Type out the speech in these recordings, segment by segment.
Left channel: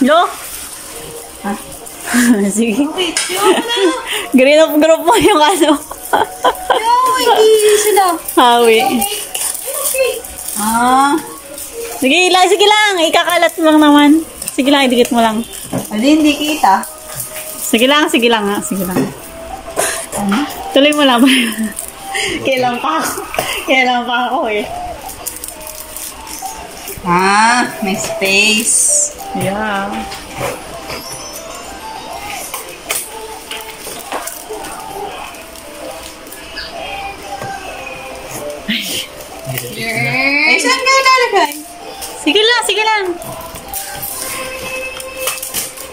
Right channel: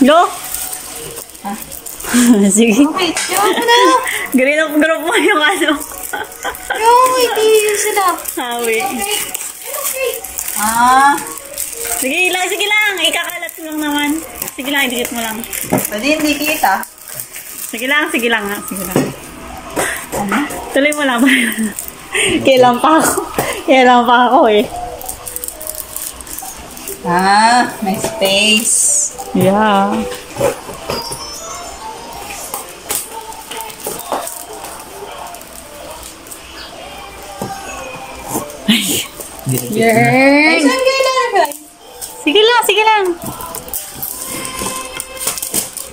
Lo? Sige. Green up group mo yung ano. Hindi sila. Hawi. Sige lang. Ikakalat mo lang naman. Sige lang, idikit mo lang. Hindi kita. Sige lang nga. Tuloy mo lang. Kailan pa ako eh. May space. Yeah. Ay, saan kayo lalagay? Sige lang.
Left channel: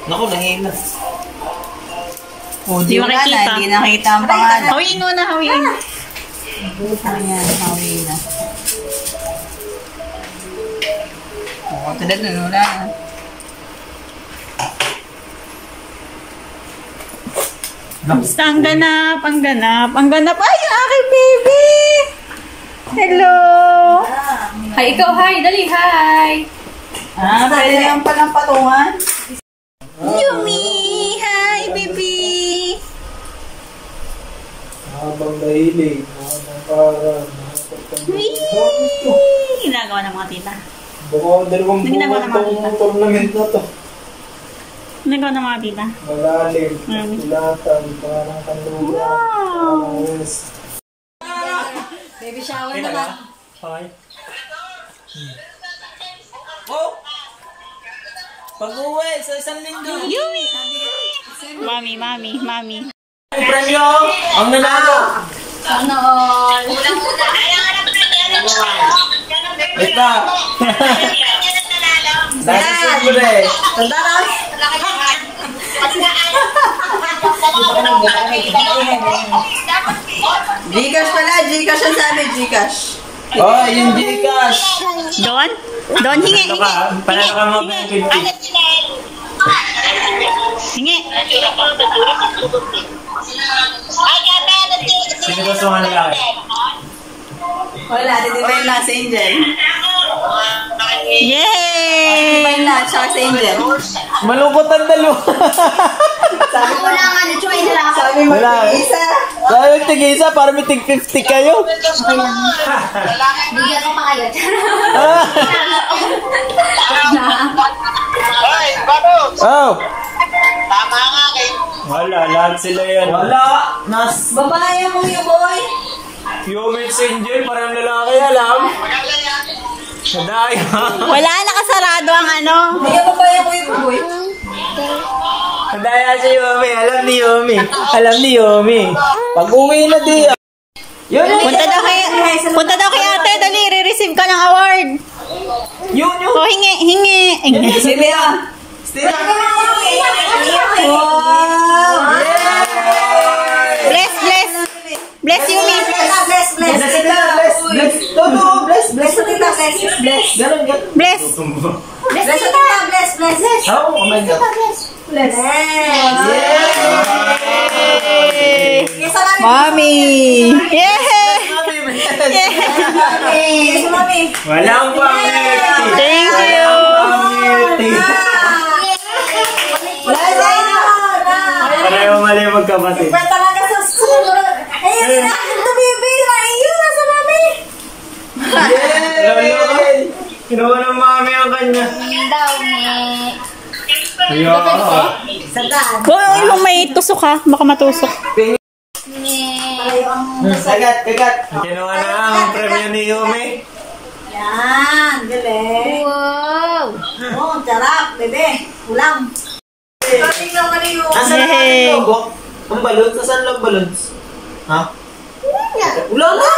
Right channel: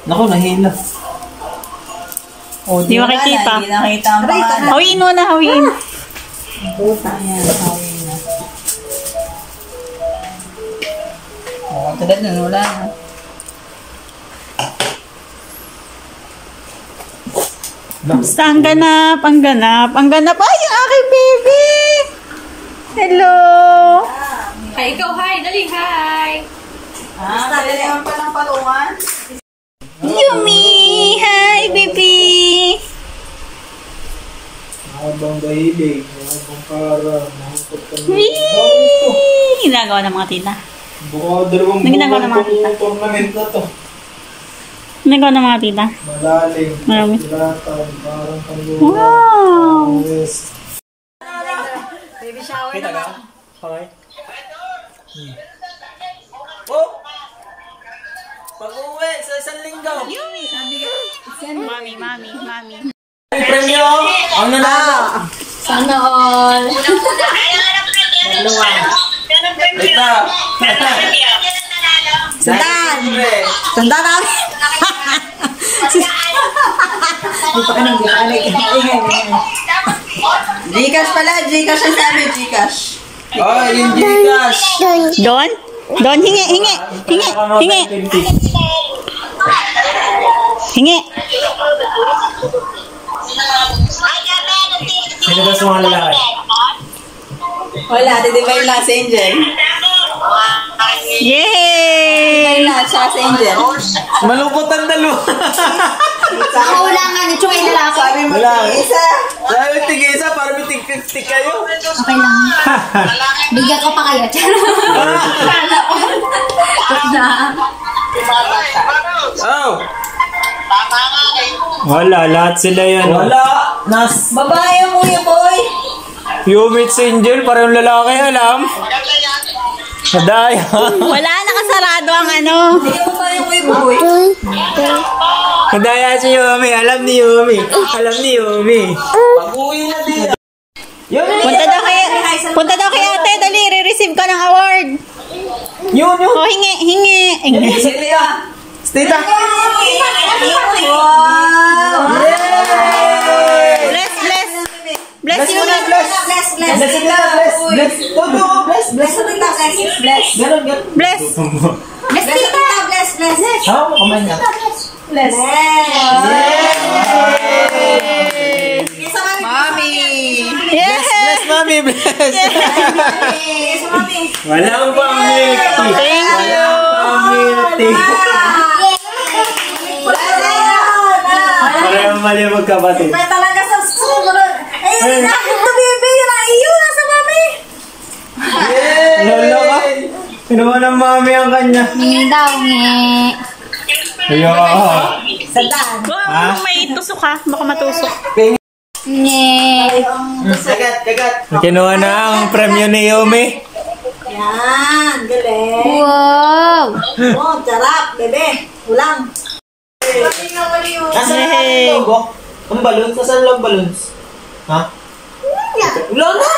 Naku, nahila. Di makikita. Hindi nakita ang pangalan. Hawiin mo na. Ayan, hawin na. Tulad nun, wala na. Basta ang ganap. Ay, yung aking baby! Hello! Hi, ikaw, hi! Dali, hi! Pwede naman palang patungan. Yumi! Hi, baby! Habang dahilig, para Ginagawa ng mga tita. baka dalawang buwan itong tournament na to. Ginagawa ng mga tita. Malalim, Marami. latan, parang kanlupa. Wow! Baby shower Kita naman. ka? Okay. Oh! Pag-uwi sa isang linggo. Mami. Premyo! Ang nanalo! Sana all. Ito! Tanda na. Gcash pala. Gcash ang sabi. Gcash. Oh, yung Gcash! Don, hingi. Sino ba sa mga lalaki? Wala. Didivine lang sa Angel. Yay! Didivine lang siya sa Angel. Malungkot ang dalawa. Wala nga, nitsuin nila ako. Sabi mo, Wala. isa. Sabi mo tig-isa para may tig-50 kayo. Okay lang. Bigyan ko pa kayo. Oh! Wala, lahat sila yan. Wala! Babae mo yung boy. Humid Angel, parang lalaki, alam. Daya. Wala, nakasarado ang ano. Hindi mo babae mo yung boy. Daya si Yumi, alam ni Yumi. Pag-uwi na din. Punta daw kay ate, dali, re-receive ka ng award. Yun. Oh, hingi. Sige lang. Stita. Wow! Bless Yumi. Bless. Todo, bless. Ganon. Bless. How? Kamay niya. Bless. Mami. Yeah. Mami, bless. Yes, mami. Walang pangiti. Thank you. Pareho mali magkapatid. Pero talaga sa susunod. Ayun, akin to, baby. Iyo, nasa mami. Lolo ka. Kinuha ng mami ang kanya. Ayun. Huwag mo may tusok ha. Baka matusok. Kagat. Kinuha na ang premyo ni Yumi. Yan, galing. Wow! Oh, sarap, bebe. Ulang. Nasaan ang logo? Ang balloons? Nasaan lang balloons? Ha? Wala na!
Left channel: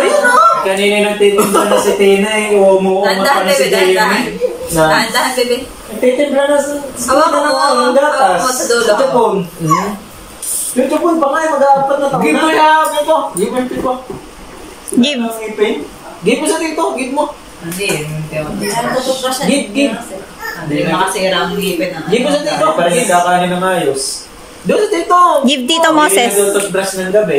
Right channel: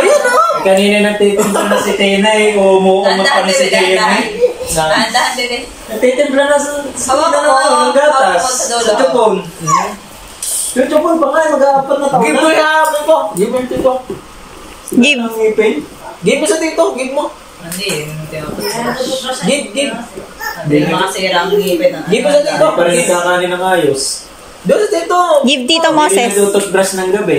Ayun na! Kanina nagtitimpla na si Tina eh. Umuumat pa na si Jamie. Dahan, bebe. Nagtitimpla na sa ng gatas. Sa Japon. Yung Japon pa nga, mag-aapat na taon na. Give mo yung tito. Give. Ang ipin. Give mo sa tito. Give mo. Hindi. Give. Hindi makasira ang ngipin. Give mo sa tito. Para hindi kakanin ng ayos. Doon sa tito. Give Tito Moses. Hindi na toothbrush ng gabi.